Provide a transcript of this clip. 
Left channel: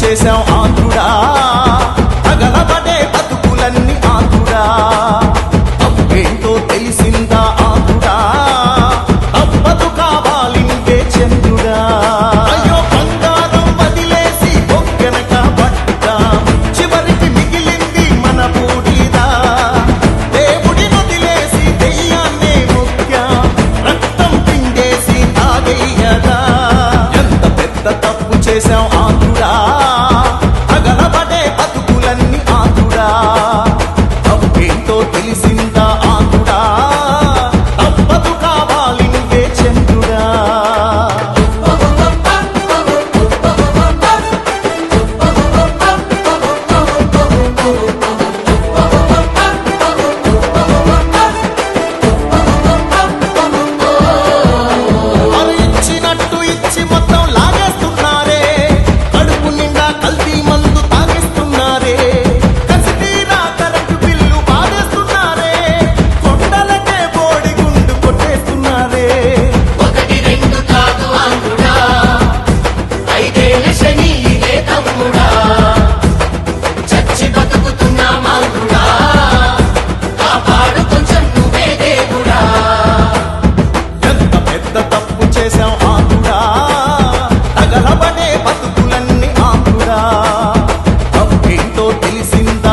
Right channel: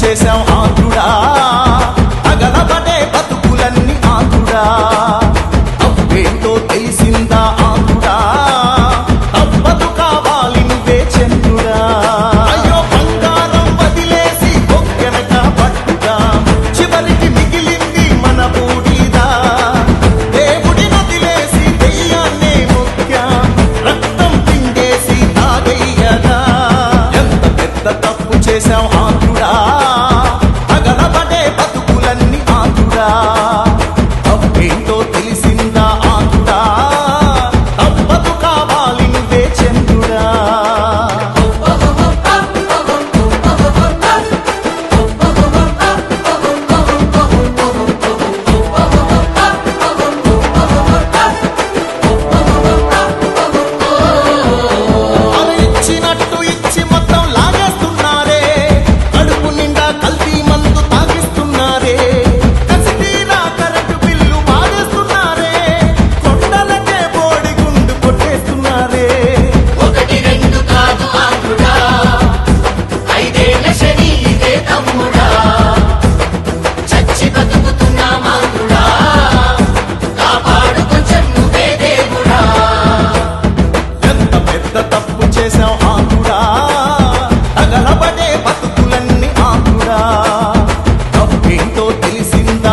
చేశాం ఆంధ్రుడా, తగలబడే బతుకులన్నీ ఆంధ్రుడా. తప్పేంటో తెలిసిందా ఆంధ్రుడా, తప్పదు కావాలి నువ్వే చంద్రుడా. అయ్యో బంగారం వదిలేసి బొక్కెనక పడ్డాం, చివరికి మిగిలింది మన బూడిదా. దేవుడిని వదిలేసి దెయ్యాన్నే ముఖ్యం, రక్తం పిండేసి తాగయ్యదా. ఎంత పెద్ద తప్పు చేశాం ఆంధ్రుడా, తగలబడే బతుకులన్నీ ఆంధ్రుడా. తప్పేంటో తెలిసిందా ఆంధ్రుడా, తప్పదు కావాలి నువ్వే చంద్రుడా. ఇచ్చినట్టు ఇచ్చి మొత్తం లాగేస్తున్నారే, కడుపు నిండా కల్తీ మందు తాగిస్తున్నారే. కసితీరా కరెంటు బిల్లు బాధేస్తున్నారే, కొండలకే బోడి గుండు కొట్టేస్తున్నారే. ఒకటి రెండు కాదు ఆంధ్రుడా, ఐదేళ్ల శని ఇదే తమ్ముడా. చచ్చి బతుకుతున్నా ఆంధ్రుడా, కాపాడు కొంచెం నువ్వే దేవుడా. ఎంత పెద్ద తప్పు చేశాం ఆంధ్రుడా, తగలబడే బతుకులన్నీ ఆంధ్రుడా. తప్పేంటో తెలిసిందా